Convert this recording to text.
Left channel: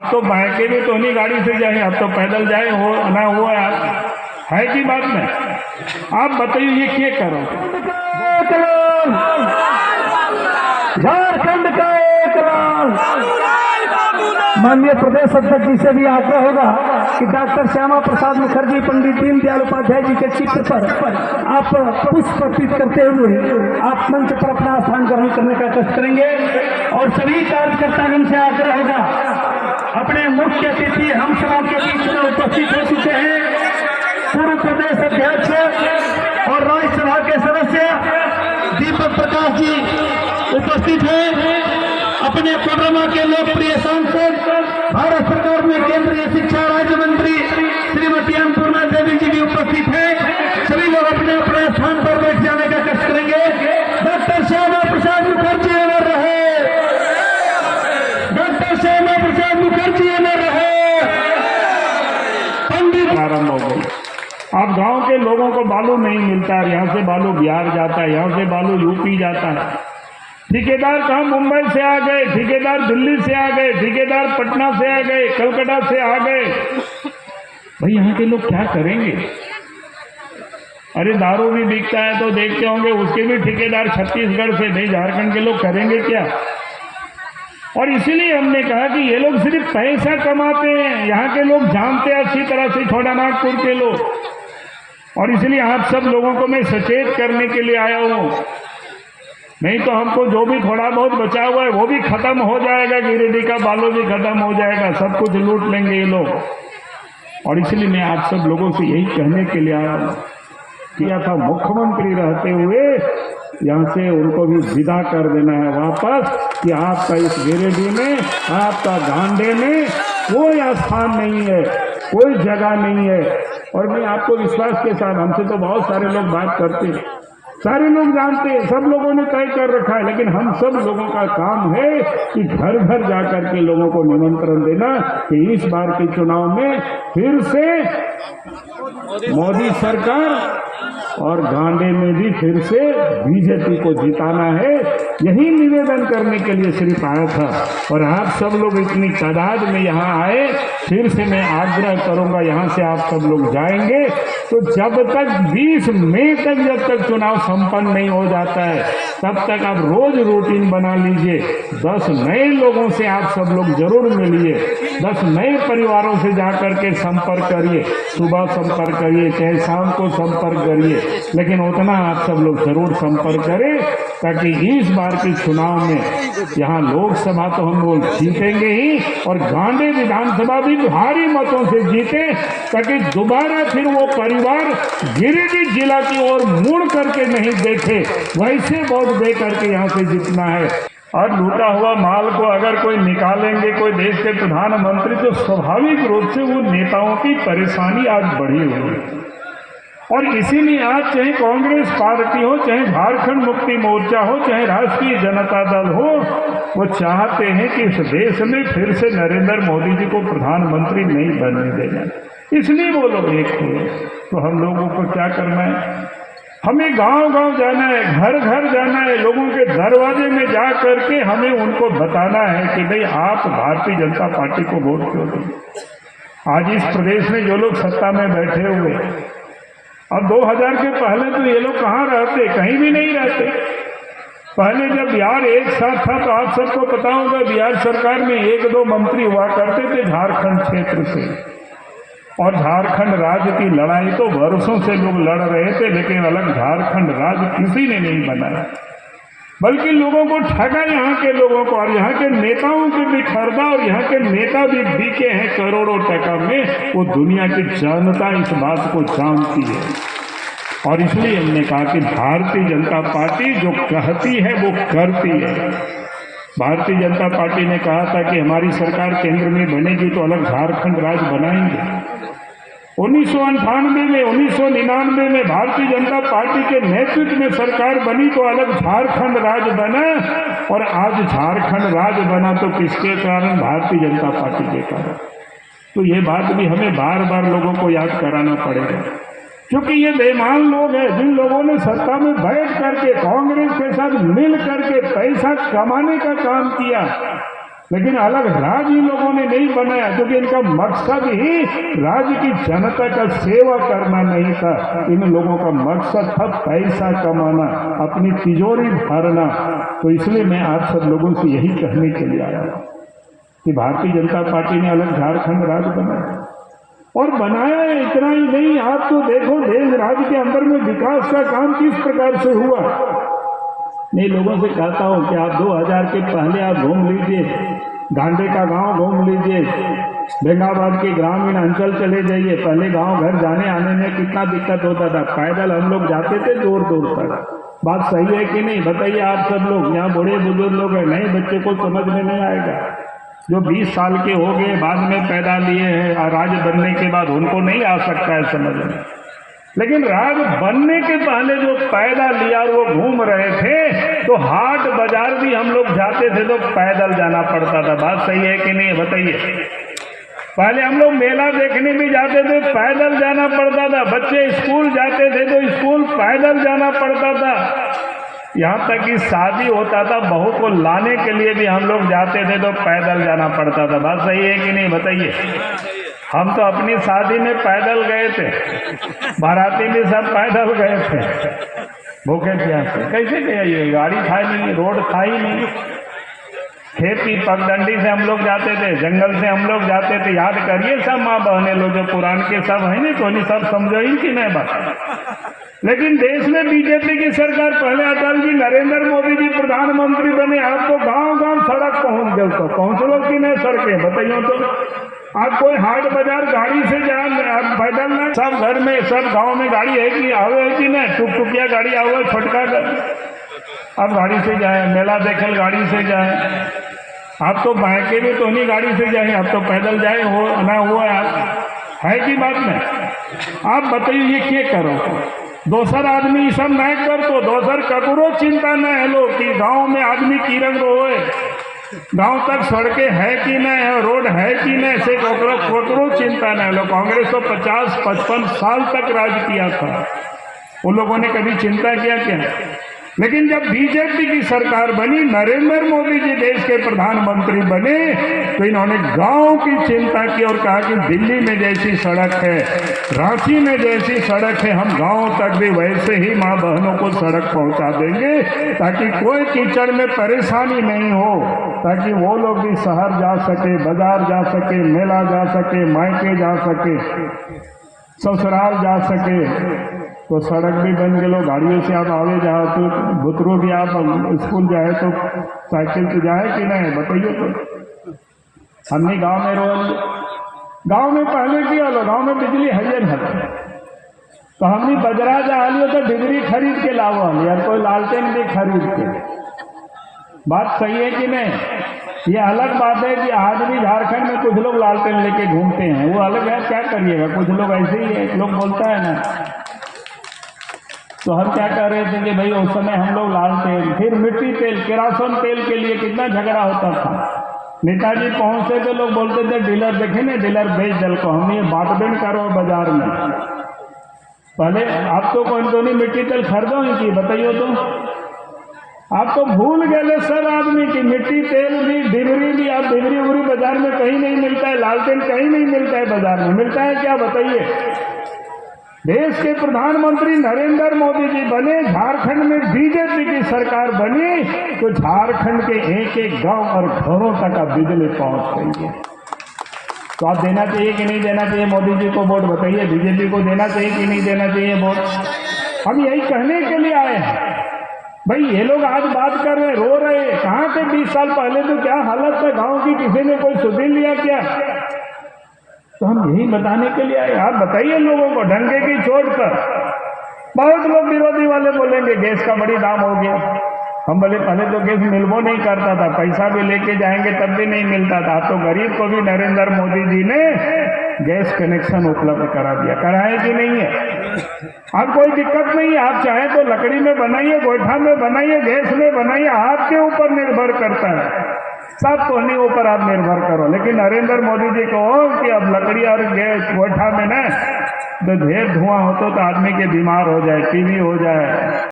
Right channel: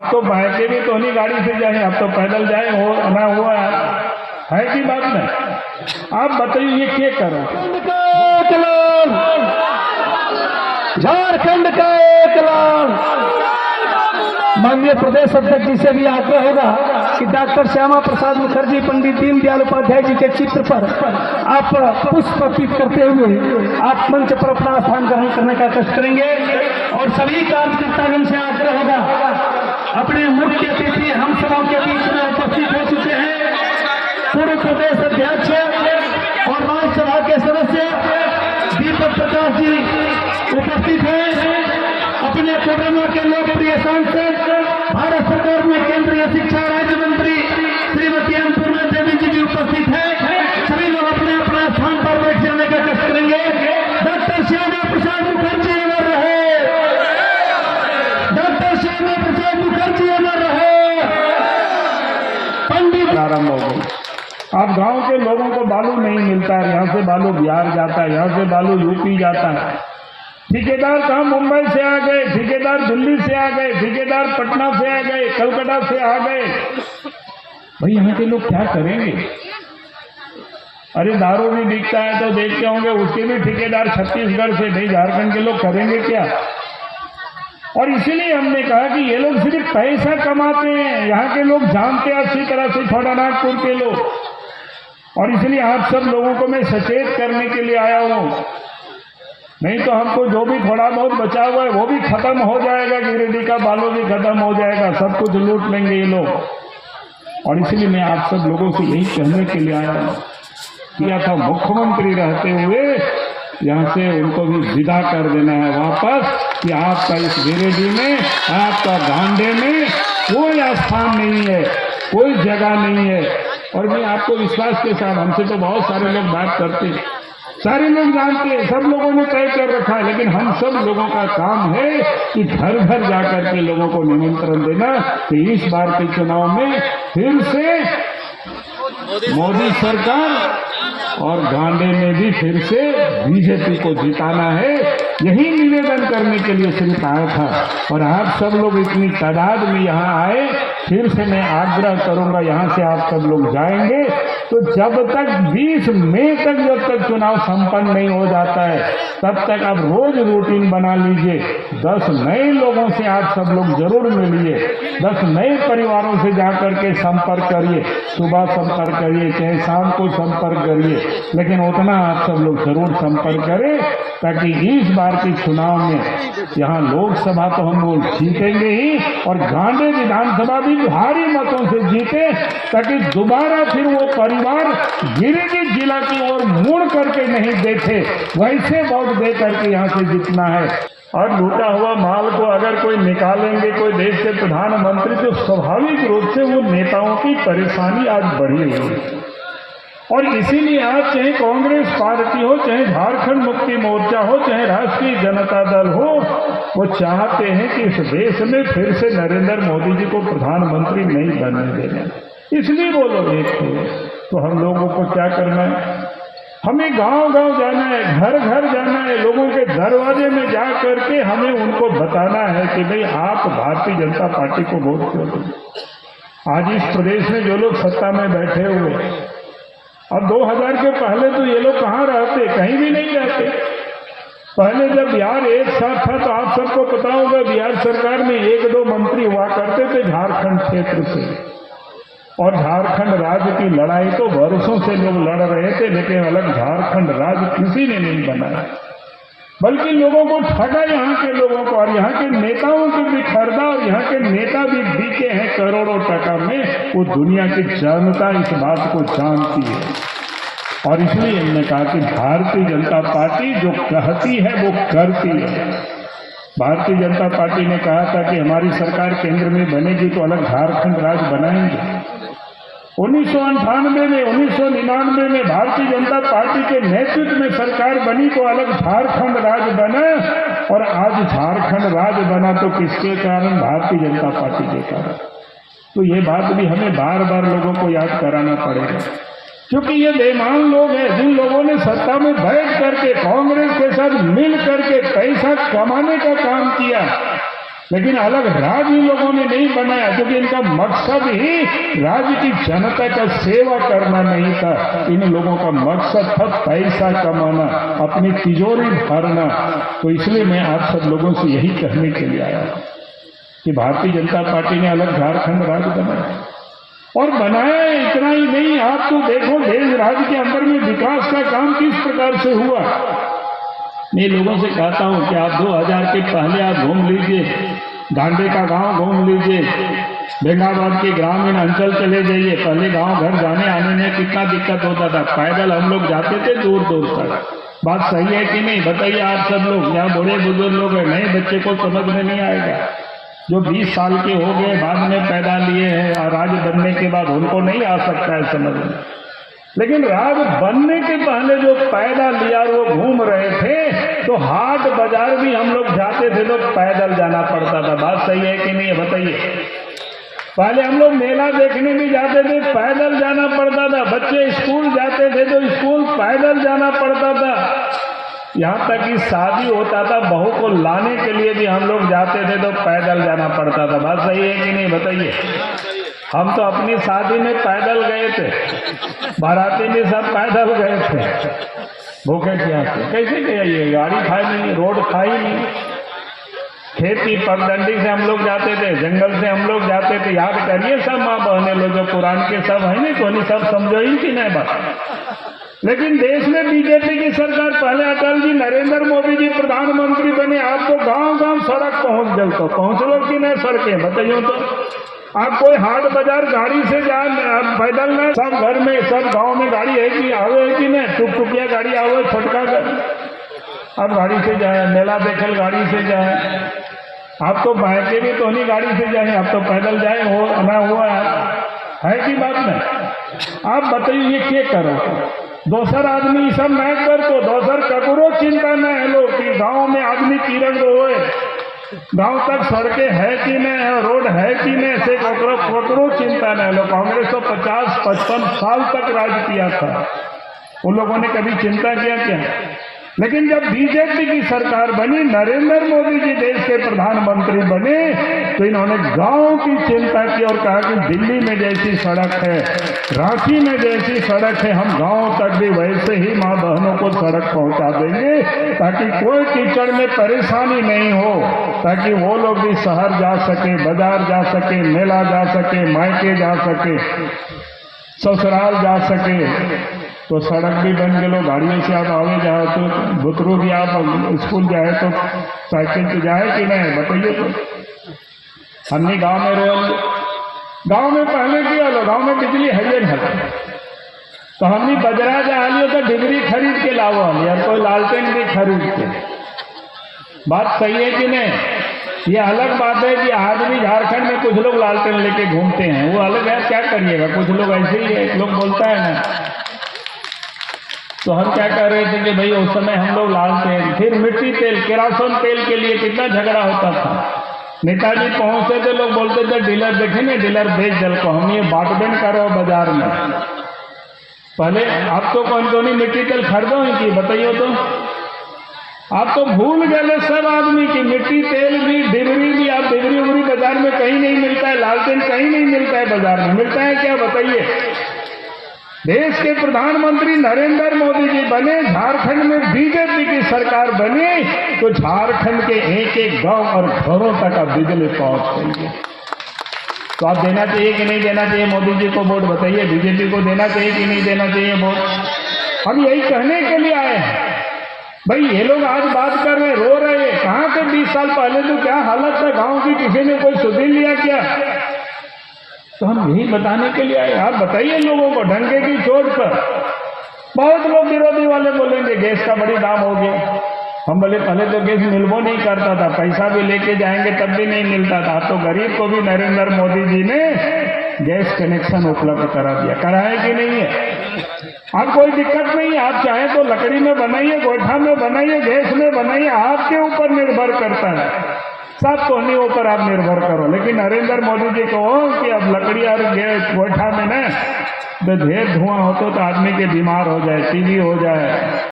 तो बाइके भी तो नहीं गाड़ी से जाए, अब तो पैदल जाए हो ना हुआ है कि बात में। आप बताइए ये क्या करो। झारखंड का एक लाल माननीय प्रदेश अध्यक्ष जी से भी आग्रह होगा कि डॉक्टर श्यामा प्रसाद मुखर्जी, पंडित दीनदयाल उपाध्याय जी के चित्र पर आप पुष्प अर्पित करते हुए आप मंच पर अपना स्थान ग्रहण करने का कष्ट करेंगे। और सभी कार्यकर्तागण से आग्रह होगा, अपने मुख्य अतिथि हम सभा के बीच में उपस्थित हो चुके हैं। पूर्व प्रदेश अध्यक्ष और राज्यसभा के सदस्य दीपक प्रकाश जी उपस्थित हैं। अपने कोडरमा के लोकप्रिय सांसद, भारत सरकार में केंद्रीय शिक्षा राज्य मंत्री श्रीमती अन्नपूर्णा देवी जी भी उपस्थित हैं। सभी लोग अपने अपने स्थान पर बैठ जाने का कष्ट करेंगे। डॉक्टर श्यामा प्रसाद मुखर्जी अमर रहे, डॉक्टर श्यामा प्रसाद मुखर्जी अमर रहे। पंडित आरंभ हो गई। अब गांव के लोगों को बालू नहीं मिलता है, यहाँ से बालू बिहार जाता है, यहाँ से बालू यूपी जाता है। ठेकेदार कहाँ मुंबई से आ गए, ठेकेदार दिल्ली से आ गए, ठेकेदार पटना से आ गए, कलकत्ता से आ गए। भाई यहाँ के लोग क्या करेंगे। अरे दारू भी बिकता है तो देखते होंगे, उसके भी ठेकेदार छत्तीसगढ़ से, भाई झारखंड के लोग करेंगे क्या। और इसीलिए हमने कहा कि ये लोग सिर्फ पैसा कमाते हैं, यहाँ के लोग जानते हैं अच्छी तरह से, छोटा नागपुर के लोग। और इसलिए आप सब लोगों को मैं सचेत करने के लिए आया हूँ, नहीं तो हमको जो भी थोड़ा बहुत बचा हुआ है वो भी खत्म हो जाएगा, गिरिडीह का बालू भी खत्म हो जाएगा, सब कुछ लूट लेंगे ये लोग। और इसलिए मैं आप सब लोगों से यही कहने के लिए आया हूँ। किया था मुख्यमंत्री रहते हुए यहाँ से उनको भी विदा कर देना है वापस, कि आपका इस गिरिडीह में, आपका गांडे में कोई स्थान नहीं है, कोई जगह नहीं है। और मैं आपको विश्वास के साथ, हमसे तो बहुत सारे लोग बात करते, सारे लोग जानते हैं, सब लोगों ने तय कर रखा है, लेकिन हम सब लोगों का काम है कि घर घर जाकर के लोगों को निमंत्रण देना कि इस बार के चुनाव में फिर से मोदी सरकार और गांडे में भी फिर से बीजेपी को जिताना है। यही निवेदन करने के लिए सिर्फ आया था। और आप सब लोग इतनी तादाद में यहाँ आए, फिर से मैं आग्रह करूंगा, यहाँ से आप सब लोग जाएंगे तो जब तक 20 मई तक जब तक चुनाव संपन्न नहीं हो जाता है, तब तक आप रोज रूटीन बना लीजिए। 10 नए लोगों से आप सब लोग जरूर मिलिए, 10 नए परिवारों से जाकर के संपर्क करिए, सुबह संपर्क करिए, चाहे शाम को संपर्क करिए, लेकिन उतना आप सब लोग जरूर संपर्क करें, ताकि इस बार के चुनाव में यहाँ लोकसभा तो हम लोग जीतेंगे ही, और गांडे विधानसभा भी भारी मतों से जीते, ताकि दोबारा फिर वो परिवार गिरिडीह जिला की ओर मुड़ करके नहीं देखे, वैसे वोट दे करके यहाँ से जीतना है। और लूटा हुआ माल को अगर कोई निकालेंगे, कोई देश के प्रधानमंत्री, तो स्वाभाविक रूप से वो नेताओं की परेशानी आज बढ़ी हुई है। और इसीलिए आज चाहे कांग्रेस पार्टी हो, चाहे झारखंड मुक्ति मोर्चा हो, चाहे राष्ट्रीय जनता दल हो, वो चाहते हैं कि इस देश में फिर से नरेंद्र मोदी जी को प्रधानमंत्री नहीं बनने देना। इसलिए वो लोग एक थे। तो हम लोगों को क्या करना है, हमें गांव गांव जाना है, घर घर जाना है, लोगों के दरवाजे में जा करके हमें उनको बताना है कि भाई आप भारतीय जनता पार्टी को वोट क्यों दें। आज इस प्रदेश में जो लोग सत्ता में बैठे हुए, अब 2000 के पहले तो ये लोग कहाँ रहते, कहीं भी नहीं रहते। पहले जब बिहार एक साथ था तो आप सबको पता होगा, बिहार सरकार में 1-2 मंत्री हुआ करते थे झारखंड क्षेत्र से, और झारखंड राज्य की लड़ाई तो वर्षों से लोग लड़ रहे थे, लेकिन अलग झारखंड राज्य किसी ने नहीं बनाया, बल्कि लोगों को ठगा यहाँ के लोगों को, और यहाँ के नेताओं को भी खरीदा, और यहाँ के नेता भी बिके हैं करोड़ों टका में। वो दुनिया की जनता इस बात को जानती है। और इसलिए हमने कहा कि भारतीय जनता पार्टी जो कहती है वो करती है। भारतीय जनता पार्टी ने कहा था कि हमारी सरकार केंद्र में बनेगी तो अलग झारखंड राज्य बनाएंगे। 1998 में, 1999 में भारतीय जनता पार्टी के नेतृत्व में सरकार बनी तो अलग झारखंड राज्य बना, और आज झारखंड राज्य बना तो किसके कारण, भारतीय जनता पार्टी के कारण। तो ये बात भी हमें बार बार लोगों को याद कराना पड़ेगा, क्योंकि ये बेईमान लोग हैं जिन लोगों ने सत्ता में बैठ करके कांग्रेस के साथ मिल करके पैसा कमाने का काम किया। लेकिन अलग राज्य इन लोगों ने नहीं बनाया, क्योंकि इनका मकसद ही राज्य की जनता का सेवा करना नहीं था। इन लोगों का मकसद था पैसा कमाना, अपनी तिजोरी भरना। तो इसलिए मैं आप सब लोगों से यही कहने के लिए आया कि भारतीय जनता पार्टी ने अलग झारखंड राज्य बनाया और बनाया। इतना ही नहीं, आप तो देखो देश राज्य के अंदर में विकास का काम किस प्रकार से हुआ। मैं लोगों से कहता हूं कि आप 2000 के पहले आप घूम लीजिए, गांडे का गांव घूम लीजिए, बेंगाबाद के ग्रामीण अंचल चले जाइए। पहले गांव घर जाने आने में कितना दिक्कत होता था, पैदल हम लोग जाते थे दूर दूर तक। बात सही है कि नहीं, बताइए आप सब लोग। यहाँ बड़े बुजुर्ग लोग हैं, नए बच्चे को समझ में नहीं आएगा। जो 20 साल के हो गए, बाद में पैदा लिए हैं, राज्य बनने के बाद उनको नहीं आ सकता है समझ में। लेकिन राज बनने के पहले जो पैदा लिया वो घूम रहे थे, तो हाट बाजार भी हम लोग जाते थे तो पैदल जाना पड़ता था। बात सही है कि नहीं, बताइए। पहले हम लोग मेला देखने भी जाते थे, पैदल जाना पड़ता था। बच्चे स्कूल जाते थे तो स्कूल पैदल जाना पड़ता था। यहाँ तक कि शादी होता था, बहू को लाने के लिए भी हम लोग जाते थे तो पैदल जाना पड़ता था। बात सही है कि नहीं, बताइए। हम तो अपनी शादी में पैदल गए थे, बाराती भी सब पैदल गए थे, भूखे प्यासे। कैसे गए, ये गाड़ी खाई नहीं, रोड खाई नहीं। खेती पगडंडी से हम लोग जाते थे, जंगल से हम लोग जाते थे। याद करिए सब माँ बहने लोग जो पुरान के सब है नहीं, तो सब समझो ही कि नहीं बात। लेकिन देश में बीजेपी की सरकार, पहले अटल जी, नरेंद्र मोदी जी प्रधानमंत्री बने, आपको गांव गांव सड़क पहुंच गए। तो पहुंच लो कि नहीं सड़कें, बताइए। तो आप कोई हाट बाजार गाड़ी से जाए, आप पैदल ना। सब घर में, सब गांव में गाड़ी है कि आवे है कि नहीं, टुकटुकिया गाड़ी आओ, छोटका अब गाड़ी से जाए, मेला देखल गाड़ी से जाए। आप तो बाइके में तो नहीं गाड़ी से जाए, आप तो पैदल जाए हो ना, हुआ है कि बात नहीं। आप बताइए ये क्या करो, दोसर आदमी सब नहीं कर, तो दोसर ककरो चिंता न है लोग कि गांव में आदमी किरण रोए, गांव तक सड़कें है कि नहीं, रोड है कि नहीं, से ककरो चिंता नहीं। लोग कांग्रेस तो 50-55 साल तक राज किया था, उन लोगों ने कभी चिंता किया क्या? लेकिन जब बीजेपी की सरकार बनी, नरेंद्र मोदी जी देश के प्रधानमंत्री बने, तो इन्होंने गांव की चिंता की और कहा कि दिल्ली में जैसी सड़क है, रांची में जैसी सड़क है, हम गांव तक भी वैसे ही माँ बहनों को सड़क पहुंचा देंगे, ताकि कोई कीचड़ में परेशानी नहीं हो, ताकि वो लोग भी शहर जा सके, बाजार जा सके, मेला जा सके, मायके जा सके, ससुराल जा सके। तो सड़क भी बन गए, गाड़ियों से आप आवे जाए तो बुतरू भी आप स्कूल जाए तो साइकिल से जाए कि नहीं, बताइए। तो हमने गांव में रोल, गांव में पहले किया लो, गांव में बिजली है नहीं, तो हमने बजरा जा लियो तो डिगरी खरीद के लाओ और कोई लालटेन भी खरीद के। बात सही है कि नहीं? ये अलग बात है कि आदमी झारखंड में कुछ लोग लालटेन लेके घूमते हैं, वो अलग है, क्या करिएगा, कुछ लोग ऐसे ही है, लोग बोलता है ना। तो हम क्या कह रहे थे कि भाई उस समय हम लोग लालटेन, फिर मिट्टी तेल, केरासन तेल के लिए कितना झगड़ा होता था। नेताजी पहुंचते थे, लोग बोलते थे डीलर देखे ना, डीलर बेच दल को, हम ये बांटबेन करो बाजार में। पहले आप तो कौन कौन मिट्टी तेल खरीदो ही की, बताइए। तो आप तो भूल गए सब आदमी की मिट्टी तेल भी, डिबरी भी, आप डिबरी उबरी बाजार में कहीं नहीं मिलता है, लालटेन कहीं नहीं मिलता है, बाजार में मिलता है क्या, बताइए। देश के प्रधानमंत्री नरेंद्र मोदी जी बने, झारखंड में बीजेपी की सरकार बनी, तो झारखंड के एक एक गांव और घरों तक बिजली पहुंच गई है। तो आप देना चाहिए कि नहीं देना चाहिए मोदी जी को वोट, बताइए। बीजेपी को देना चाहिए कि नहीं देना चाहिए वोट? हम यही कहने के लिए आए हैं। भाई ये लोग आज बात कर रहे, रो रहे, कहाँ थे 20 साल पहले, तो क्या हालत था गांव की, किसी ने कोई सुधीर लिया क्या? तो हम यही बताने के लिए आए। आप बताइए लोगों को, डंके की चोट पर बहुत लोग विरोधी वाले बोलेंगे गैस का बड़ी दाम हो गया। हम बोले पहले तो गैस मिलबो नहीं करता था, पैसा भी लेके जाएंगे तब भी नहीं मिलता था। तो गरीब को भी नरेंद्र मोदी जी ने गैस कनेक्शन उपलब्ध करा दिया, कराए कि नहीं है? अब कोई दिक्कत नहीं है, आप चाहे तो लकड़ी में बनाइए, गोईठा में बनाइए, गैस में बनाइए, आपके ऊपर निर्भर करता है। सब तो नहीं ऊपर आप निर्भर करो। लेकिन नरेंद्र मोदी जी को कि अब लकड़ी और गैस गोईठा में न तो ढेर धुआं हो तो आदमी के बीमार हो जाए, टीबी हो जाए,